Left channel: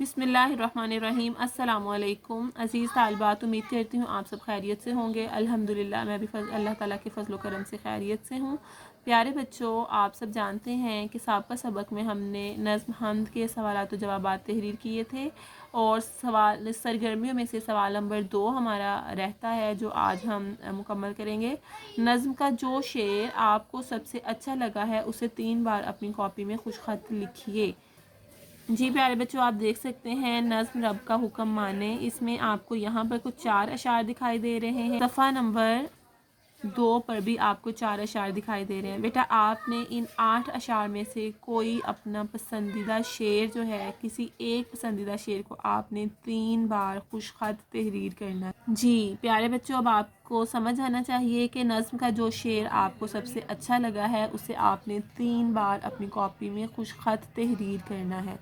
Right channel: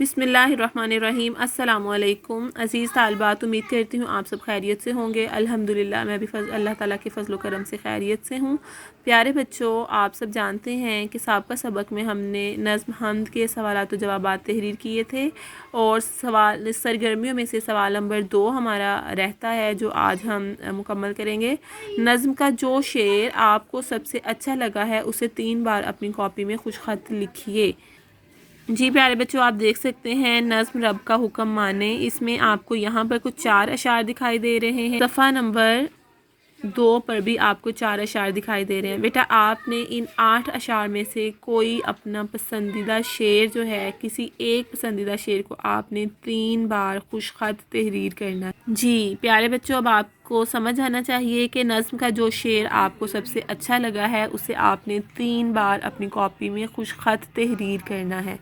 बिस्मिल्लाहिर्रहमानिर्रहीम। अस्सलाम वालेकुम अज़ीज़ तालिबात, उम्मीद करती हूँ आप सब खैरियत से होंगे। अल्हम्दुलिल्लाह मैं भी अल्लाह ताला के फजल करम से खैरियत से हूँ। प्यारे बच्चों, आप सब जानते हैं कि साबका सबक में हमने नज़्म हमद के सवालात व जवाबात तहरीर किए थे और सवाल सरगर्मियों में से सवाल नंबर 2 हमारा रहता है जो आज हम मुकम्मल करेंगे। नज़्म का जो शेर आपको सबसे अच्छा लगा है उसे 3 बार अपनी कॉपी में खुश खत लिखिए। जी प्यारे बच्चों, आप देख सकते हैं नज़्म रब का हुक्म माने। इसमें आपको यहाँ पर कुछ 4 अशार दिखाई दे रहे हैं। सफ़ा नंबर 2 पर भी आपको 4 अशार दिखाई दे रहे हैं। बेटा आपने इन 8 अशार में से कोई अपना पसंदीदा शेर जो है, किसी एक पसंदीदा शेर को आपने 3 बार खुश खत तहरीर करना है। जी प्यारे बच्चों, अब आपको समझ आना चाहिए कि नज़्म का जो शेर आपको सबसे अच्छा लगा है उसे आपने 3 बार अपनी कॉपी में खुश खत तहरीर करना है।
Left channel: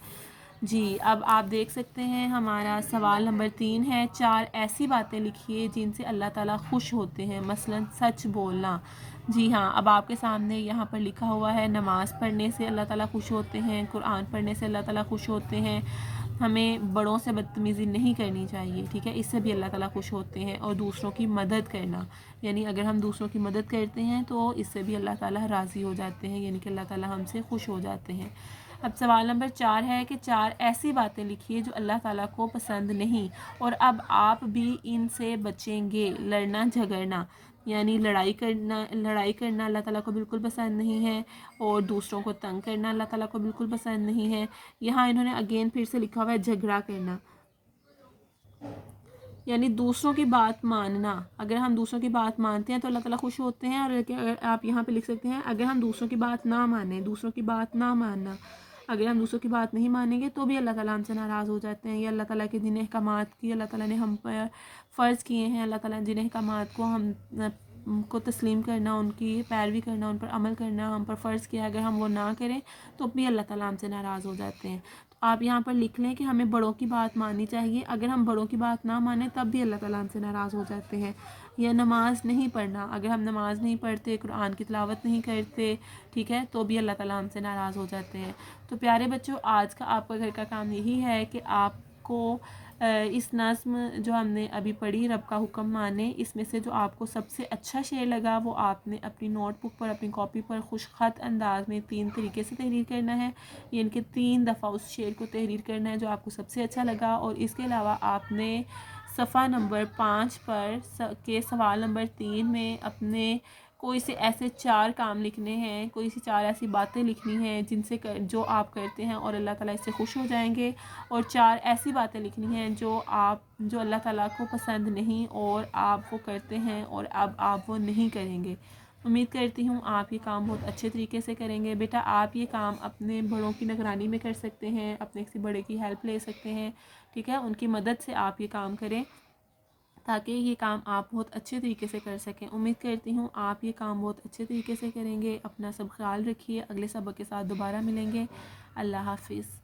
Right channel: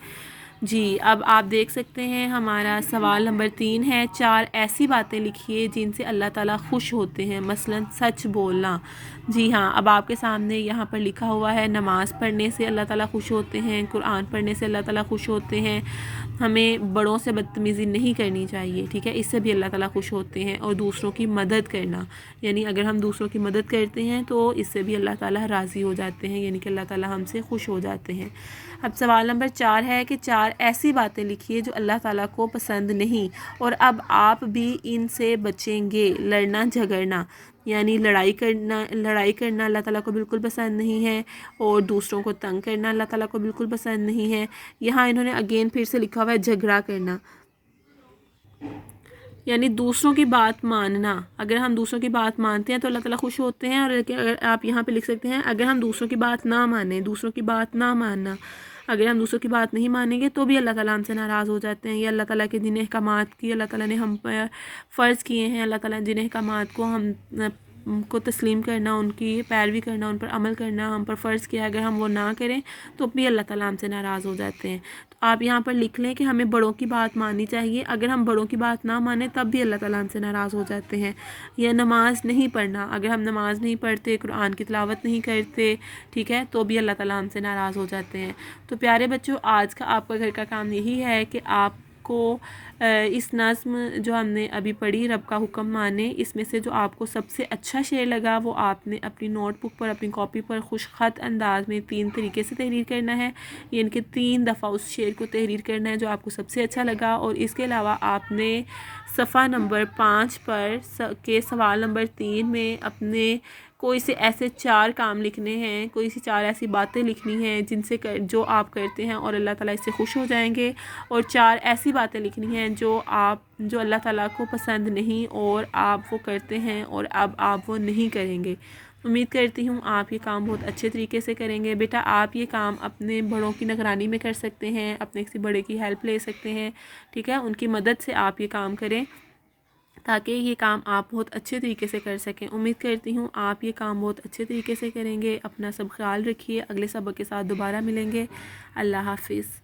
जी अब आप देख सकते हैं हमारा सवाल नंबर 3 है। 4 ऐसी बातें लिखिए जिनसे अल्लाह ताला खुश होते हैं, मसलन सच बोलना। जी हाँ, अब आपके सामने यहाँ पर लिखा हुआ है नमाज़ पढ़ने से अल्लाह ताला खुश होते हैं, कुरान पढ़ने से अल्लाह ताला खुश होते हैं, हमें बड़ों से बदतमीज़ी नहीं करनी चाहिए, ठीक है, इससे भी अल्लाह ताला खुश होते हैं, और दूसरों की मदद करना, यानी अगर हम दूसरों की मदद करते हैं तो इससे भी अल्लाह ताला राज़ी हो जाते हैं, यानी कि अल्लाह ताला हमसे खुश हो जाते हैं। अब सवाल नंबर 4 है कि 4 ऐसी बातें लिखिए जो अल्लाह ताला को पसंद नहीं और अब आप भी इनसे बचेंगे। लड़ना झगड़ना, यानी लड़ाई करना अल्लाह ताला को बिल्कुल पसंद नहीं है, और दूसरों को तंग करना अल्लाह ताला को बिल्कुल पसंद नहीं है। यहाँ इन्होंने अगेन फिर से लिखा हुआ है झगड़ा करना, यानी दूसरों की बात मानना। अगर हम दूसरों की बात मानते हैं तो अल्लाह ताला खुश होते हैं, और अगर आप यहाँ पे लिख सकते हैं अगर हम दूसरों की बात ना माने, दूसरों की बात ना मानना, अगर हम दूसरों की बात नहीं मानेंगे तो भी अल्लाह ताला हमसे नाराज़ हो जाते हैं। ये अल्लाह ताला के जिन अहकामात की अल्लाह ताला ने हम पर फ़र्ज़ किए हैं, अल्लाह ताला जिन अहकामात को हम को तस्लीम करना, उनकी पैरवी करना, उन पर अमल करना हम पर फ़र्ज़ किया, अगर हम वो ना करें तो भी अल्लाह ताला हमसे नाराज़ हो जाते हैं। तो आप यहाँ पर लिख लें कि हमें बड़ों की बात माननी चाहिए, अगर हम बड़ों की बात ना माने तब भी अल्लाह ताला हमसे नाराज़ हो जाते हैं। या नमाज़ नहीं पढ़ना, अगर हम नमाज़ नहीं पढ़ते, कुरान की तिलावत नहीं करते, ठीक है, तो भी अल्लाह ताला हमसे नाराज़ हो जाते हैं। तो प्यारे बच्चों, आज का आपका घर का काम यही है कि आपको इस नज़्म जो हमने अभी पढ़ी रब का हुक्म माने, इसमें से जो आपको सबसे अच्छा शेर लगा वो आपने अपनी नोटबुक पर, अपनी कॉपी पर खुश खत अंदाज में 3 तरीके से तहरीर करना है, यानी कि 3 दफ़ा उस शेर को तहरीर करना है जो आपको सबसे अच्छा लगा। और इसके अलावा आपने सफ़ा नंबर 5 पर के सवाल नंबर 3 में अपने कोई से ऐसे 4 काम लिखने हैं, कोई सी 4 ऐसी बातें लिखनी हैं जिनसे जो आप करते हैं और अल्लाह ताला इससे खुश हो जाएंगे, और 4 ऐसी बातें लिखनी हैं जो अल्लाह ताला को पसंद नहीं और आप वो करते हैं और अब आप वो नहीं करेंगे। उम्मीद करती हूँ आप ये काम बहुत अच्छे तरीके से करेंगे। बेटा आप ये काम अपने बड़ों की निगरानी में कर सकते हैं, अपने किसी बड़े की हेल्प ले सकते हैं, ठीक है, उनकी मदद से आप ये काम करें ताकि ये काम आप बहुत अच्छे तरीके से कर सकें। उम्मीद करती हूँ आप ये काम बहुत अच्छे तरीके से करेंगे। अपना सब ख्याल रखिए, अगले सबक के साथ दोबारा मिलेंगे। अल्लाह हाफिज़।